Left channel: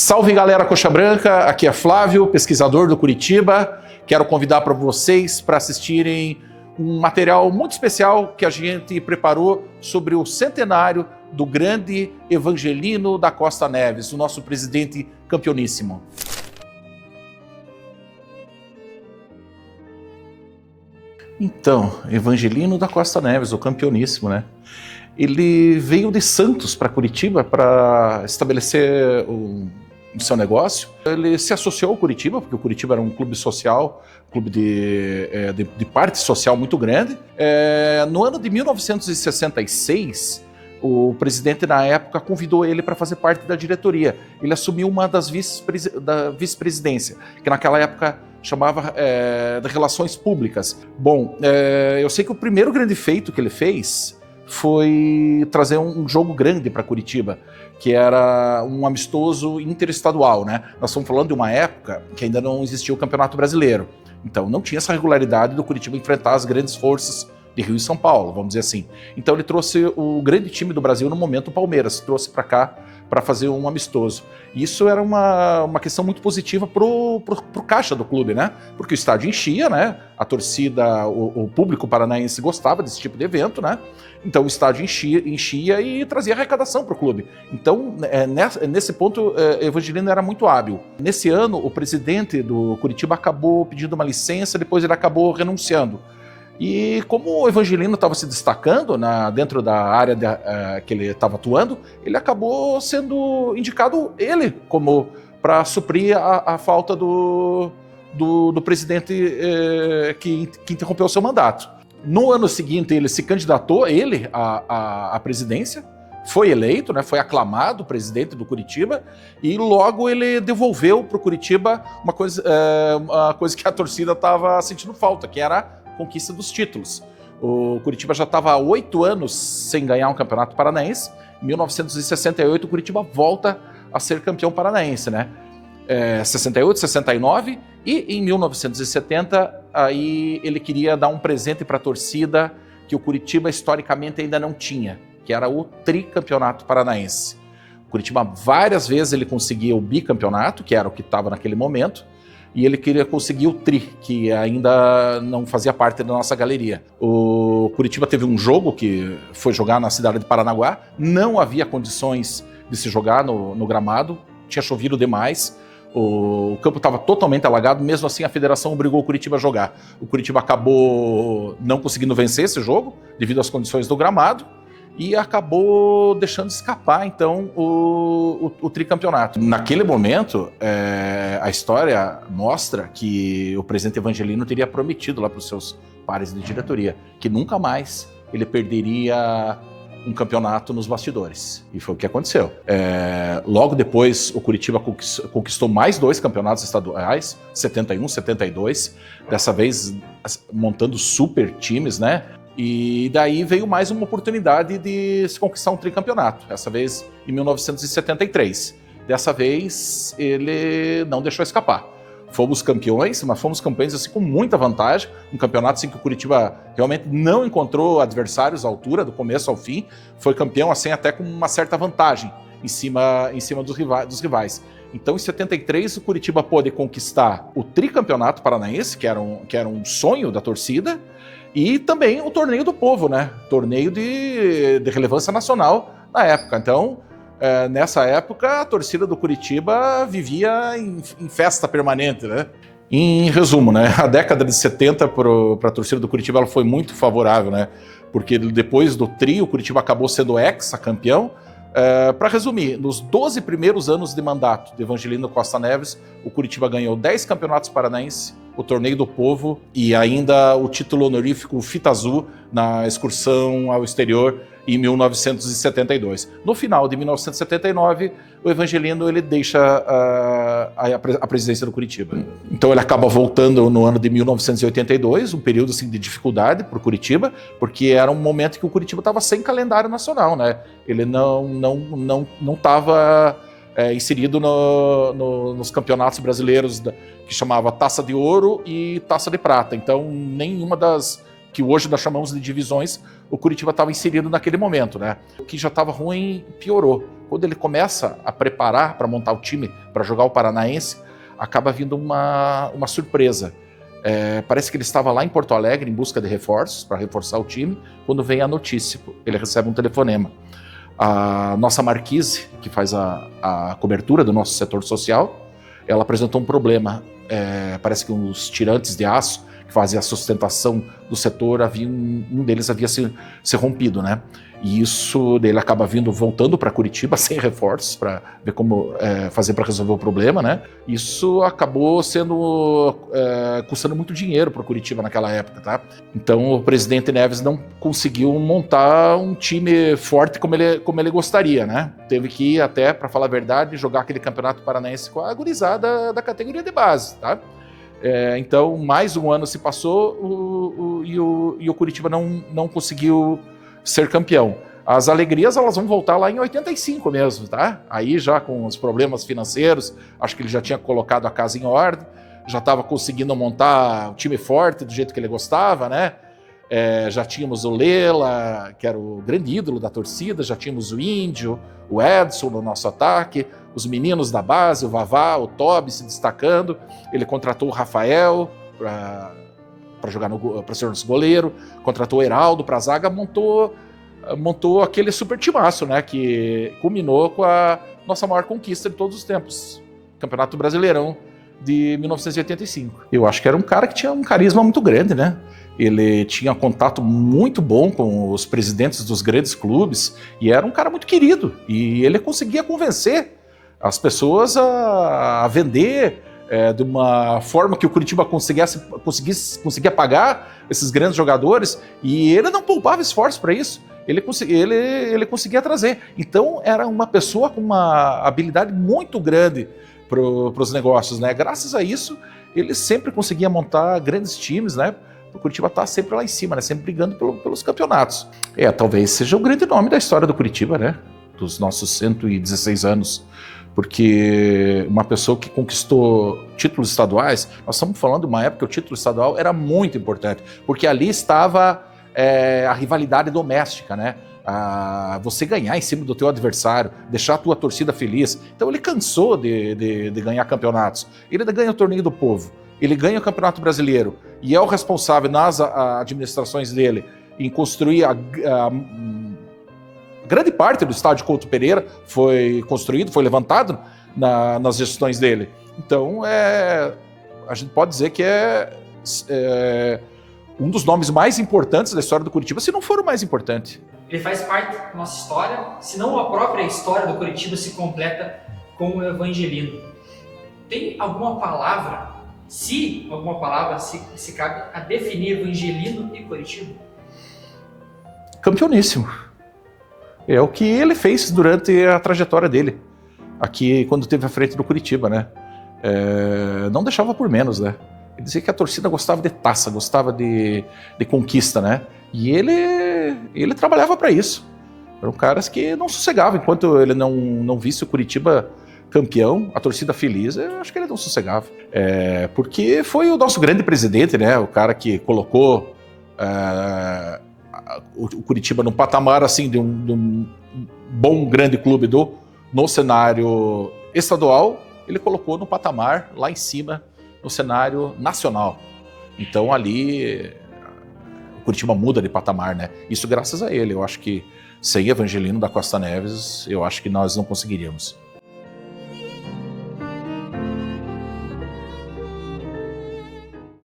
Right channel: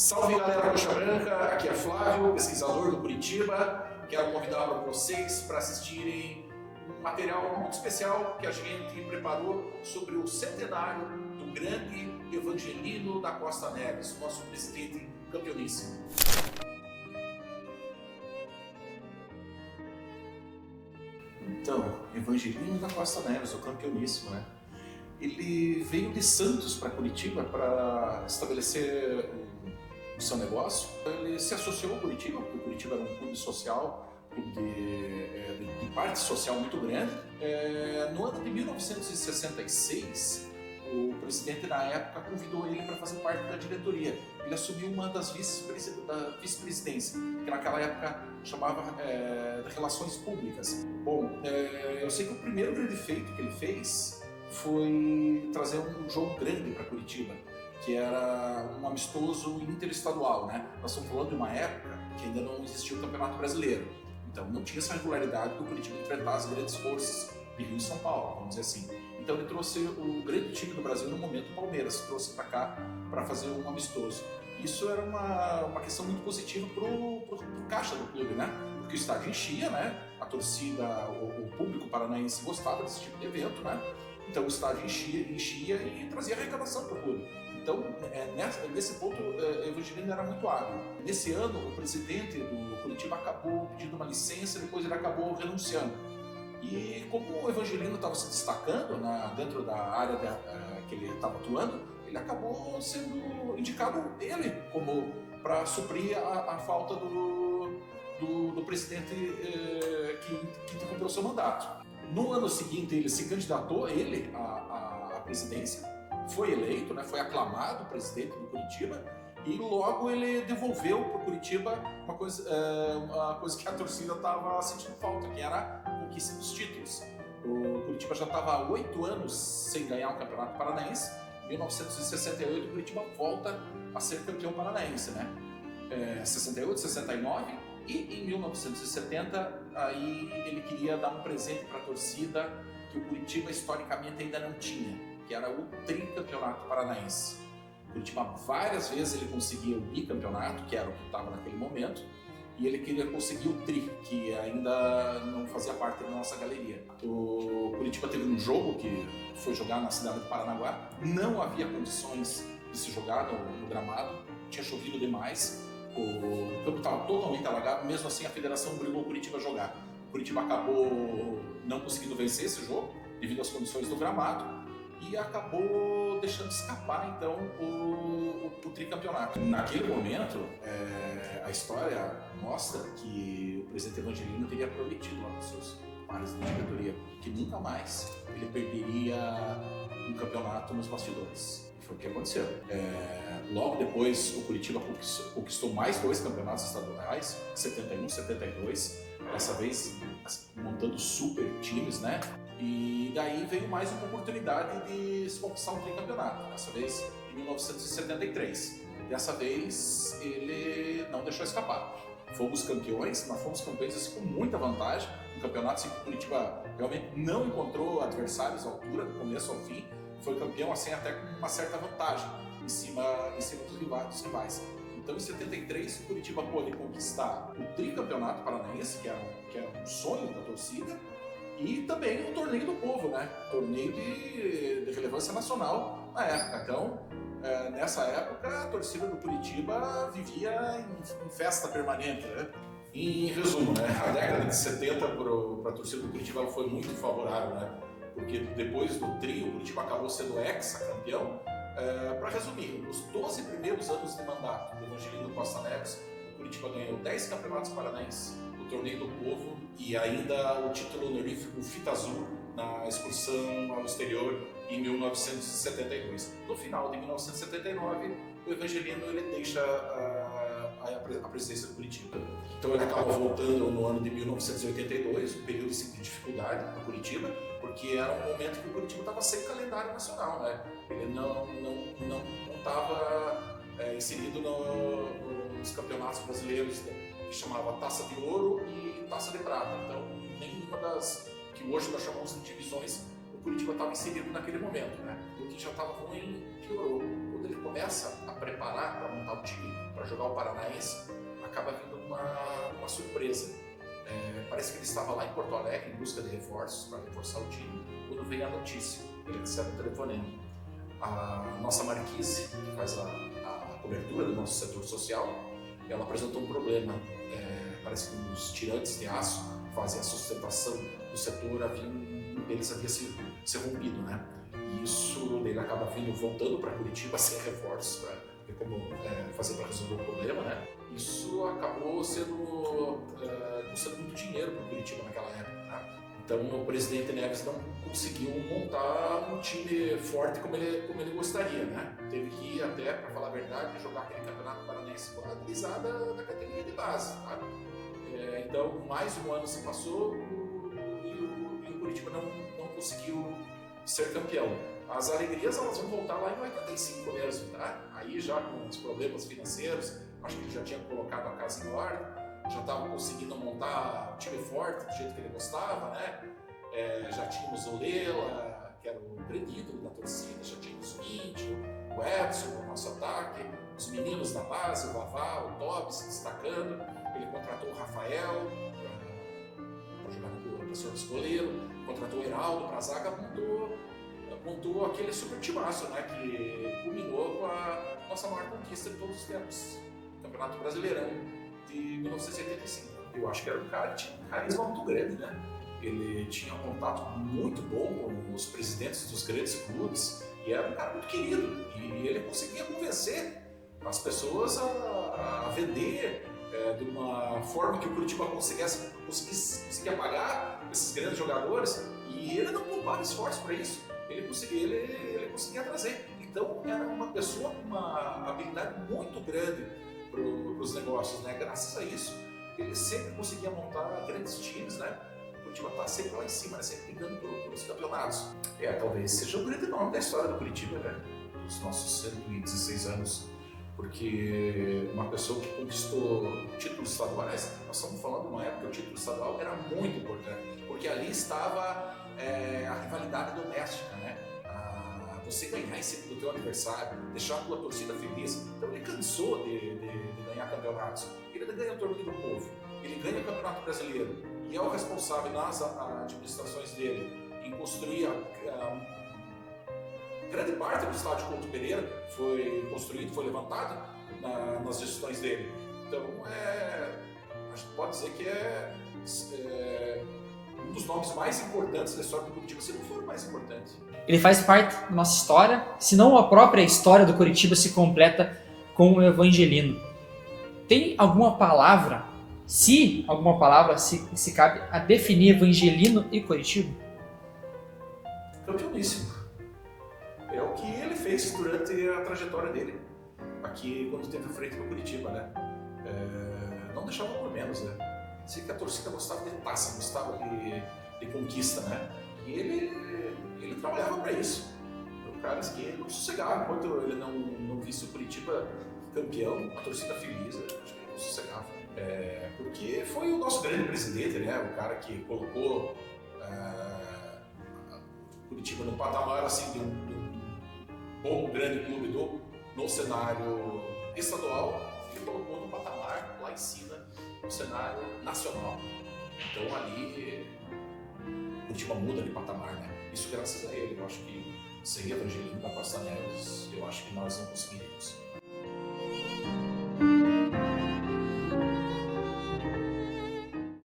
Salve galera Coxa Branca, aqui é Flávio, pesquisador do Curitiba. Quero convidar para vocês para assistirem um material muito especial que a gente preparou sobre o centenário do grande Evangelino da Costa Neves, o nosso presidente campeoníssimo. Então, Evangelino da Costa Neves, o campeoníssimo, né? Ele veio de Santos para Curitiba para estabelecer o seu negócio. Ele se associou ao Curitiba, porque o Curitiba era um clube social, clube de parte social muito grande. No ano de 1966, o presidente, na época, convidou ele para fazer parte da diretoria. Ele assumiu uma das vice-presidência, que naquela época chamava de Relações Públicas. Bom, eu sei que o primeiro grande feito que ele fez foi trazer um jogo grande para Curitiba, que era um amistoso interestadual, né? Nós estamos falando de uma época que ainda não existia o Campeonato Brasileiro. Então não tinha essa regularidade do Curitiba enfrentar as grandes forças de Rio e São Paulo, vamos dizer assim. Então ele trouxe o grande time do Brasil no momento, o Palmeiras, trouxe para cá para fazer um amistoso. Isso era uma questão muito positiva pro caixa do clube, né? Porque o estádio enchia, né? A torcida, o público paranaense gostava desse tipo de evento, né? Então o estádio enchia e trazia arrecadação para o clube. Então, nesse ponto, Evangelino era muito hábil. Nesse ano, o presidente do Curitiba acabou pedindo uma licença, depois ele acabou renunciando. E como o Evangelino estava se destacando dentro da área que ele estava atuando, ele acabou sendo indicado ele como para suprir a falta do presidente que interrompeu o seu mandato. No ano seguinte, ele se candidatou, à presidência, foi eleito, né, foi aclamado presidente do Curitiba, e logo ele devolveu para o Curitiba uma coisa que a torcida estava sentindo falta, que era a conquista dos títulos. O Curitiba já estava há 8 anos sem ganhar um campeonato paranaense. Em 1968, o Curitiba volta a ser campeão paranaense, né? 68, 69, e em 1970, aí ele queria dar um presente para a torcida que o Curitiba historicamente ainda não tinha, que era o tricampeonato paranaense. O Curitiba várias vezes ele conseguia o bicampeonato, que era o que estava naquele momento, e ele queria conseguir o tri, que ainda não fazia parte da nossa galeria. O Curitiba teve um jogo que foi jogar na cidade de Paranaguá, não havia condições de se jogar no gramado, tinha chovido demais, o campo estava totalmente alagado, mesmo assim a federação obrigou o Curitiba a jogar. O Curitiba acabou não conseguindo vencer esse jogo, devido às condições do gramado, e acabou deixando escapar, então, o tricampeonato. Naquele momento, a história mostra que o presidente Evangelino teria prometido lá para os seus pares de diretoria que nunca mais ele perderia um campeonato nos bastidores. E foi o que aconteceu. Logo depois, o Curitiba conquistou mais 2 campeonatos estaduais, 71, 72, dessa vez montando super times, né? E daí veio mais uma oportunidade de se conquistar um tricampeonato, dessa vez em 1973. Dessa vez ele não deixou escapar. Fomos campeões, mas fomos campeões assim, com muita vantagem, um campeonato assim, que o Curitiba realmente não encontrou adversários à altura, do começo ao fim, foi campeão assim, até com uma certa vantagem em cima dos rivais. Então, em 73, o Curitiba pôde conquistar o tricampeonato paranaense, que era um sonho da torcida, e também o Torneio do Povo, né? Torneio de relevância nacional na época. Então, nessa época, a torcida do Curitiba vivia em festa permanente, né? Em resumo, né? A década de 70 para a torcida do Curitiba ela foi muito favorável, né? Porque depois do tri, o Curitiba acabou sendo ex-campeão. Para resumir, nos 12 primeiros anos de mandato de Evangelino Costa Neves, o Curitiba ganhou 10 campeonatos paranaenses, o Torneio do Povo e ainda o título honorífico Fita Azul na excursão ao exterior em 1972. No final de 1979, o Evangelino ele deixa a presidência do Curitiba. Então ele acaba voltando no ano de 1982, um período assim, de dificuldade para o Curitiba, porque era um momento que o Curitiba estava sem calendário nacional, né? Ele não estava inserido nos campeonatos brasileiros que chamava Taça de Ouro e Taça de Prata. Então nenhuma das que hoje nós chamamos de divisões o Curitiba estava inserido naquele momento, né? O que já estava ruim piorou. Quando ele começa a preparar para montar o time para jogar o Paranaense, acaba vindo uma surpresa. Parece que ele estava lá em Porto Alegre em busca de reforços, para reforçar o time, quando vem a notícia, ele recebe um telefonema. A nossa Marquise, que faz a cobertura do nosso setor social, ela apresentou um problema. Parece que os tirantes de aço que fazem a sustentação do setor, um deles havia se rompido, né? E isso dele acaba voltando para Curitiba sem reforços para ver como fazer para resolver o problema, né? Isso acabou custando muito dinheiro para o Curitiba naquela época, tá? Então o presidente Neves não conseguiu montar um time forte como ele gostaria, né? Teve que ir até, para falar a verdade, jogar aquele campeonato paranaense com a gurizada da categoria de base, tá? Então mais um ano se passou e o Curitiba não conseguiu ser campeão. As alegrias elas vão voltar lá em 85 mesmo, tá? Aí já com os problemas financeiros, acho que ele já tinha colocado a casa em ordem, já estava conseguindo montar um time forte do jeito que ele gostava, né? Já tínhamos o Lela, que era o grande ídolo da torcida, já tínhamos o Índio, o Edson no nosso ataque, os meninos da base, o Vavá, o Tobi se destacando. Ele contratou o Rafael para jogar para ser nosso goleiro, contratou o Heraldo para a zaga, montou aquele super timaço, né, que culminou com a nossa maior conquista de todos os tempos, Campeonato Brasileirão de 1985. Eu acho que era um cara que tinha um carisma muito grande, né? Ele tinha contato muito bom com os presidentes dos grandes clubes e era um cara muito querido. E ele conseguia convencer as pessoas a vender de uma forma que o Curitiba conseguia pagar esses grandes jogadores, e ele não poupava esforço para isso. Ele conseguia trazer. Então era uma pessoa com uma habilidade muito grande para os negócios, né? Graças a isso, ele sempre conseguia montar grandes times, né? O Curitiba está sempre lá em cima, né? Sempre brigando pelos campeonatos. Talvez seja o grande nome da história do Curitiba, né? Dos nossos 116 anos. Porque uma pessoa que conquistou títulos estaduais, nós estamos falando de uma época que o título estadual era muito importante, porque ali estava a rivalidade doméstica, né? Você ganhar em cima do teu adversário, deixar a tua torcida feliz. Então ele cansou de ganhar campeonatos. Ele ganha o Torneio do Povo, ele ganha o Campeonato Brasileiro e é o responsável nas administrações dele em construir grande parte do estádio Couto Pereira foi construído, foi levantado nas gestões dele. Então, a gente pode dizer que é um dos nomes mais importantes da história do Curitiba, se não for o mais importante. Ele faz parte da nossa história, se não a própria história do Curitiba se completa com o Evangelino. Tem alguma palavra, se cabe a definir Evangelino e Curitiba? Campeoníssimo. É o que ele fez durante a trajetória dele, aqui quando esteve à frente do Curitiba, né? Não deixava por menos, né? Ele dizia que a torcida gostava de taça, gostava de conquista, né? E ele trabalhava para isso. Eram caras que não sossegavam. Enquanto ele não visse o Curitiba campeão, a torcida feliz, eu acho que ele não sossegava. Porque foi o nosso grande presidente, né? O cara que colocou o Curitiba num patamar assim de um bom grande clube no cenário estadual, ele colocou no patamar lá em cima no cenário nacional. Então ali o Curitiba muda de patamar, né? Isso graças a ele. Eu acho que sem Evangelino da Costa Neves, eu acho que nós não conseguiríamos.